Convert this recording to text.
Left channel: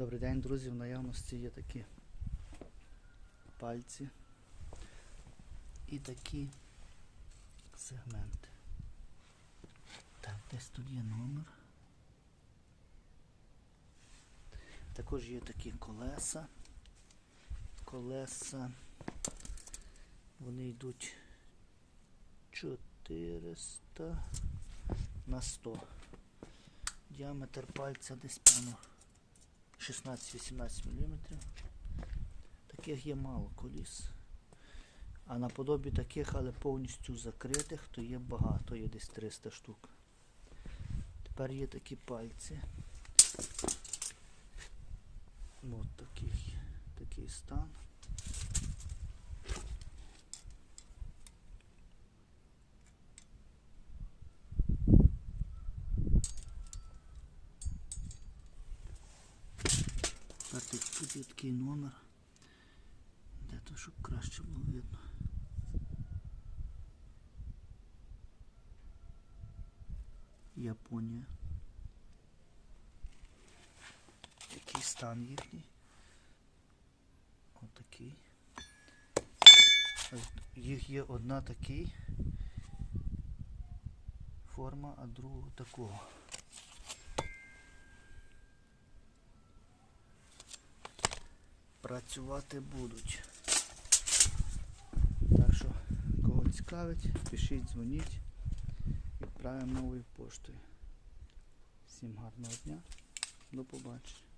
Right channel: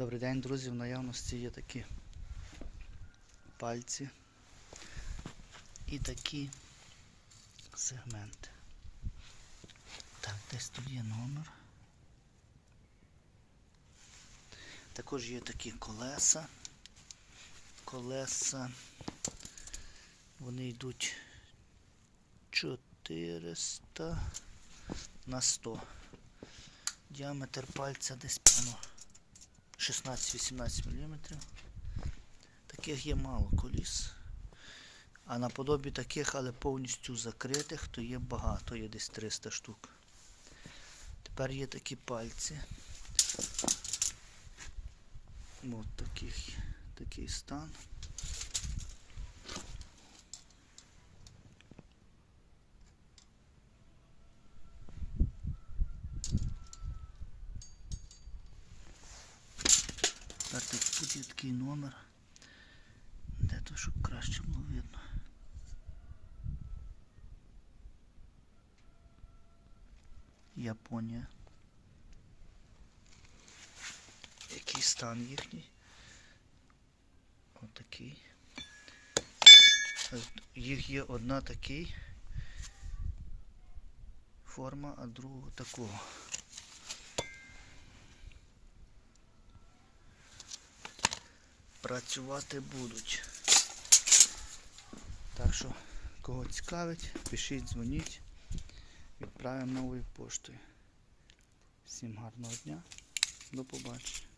Добрий день, друзі. В наявності є такі пальці і такі сегменти. Так, десь тут є номер. Також є такі колеса. Колеса. Вони йдуть 400 на 100. Діаметр пальця десь певно 16-18 мм. Таких є мало коліс. А наподобі таких, але повністю закритих, то є багато, є десь 300 штук. Тепер є такі пальці. Такий, такий стан. Тепер тут, є такий номер. Де то, щоб краще було видно. Японія. Який стан їхній? Отакий. Їх є одна такий форма, а друга такого. Працювати будуть. Так що, кого цікавить, пишіть, дзвоніть. Відправимо новою поштою. Всім гарного дня. До побачення.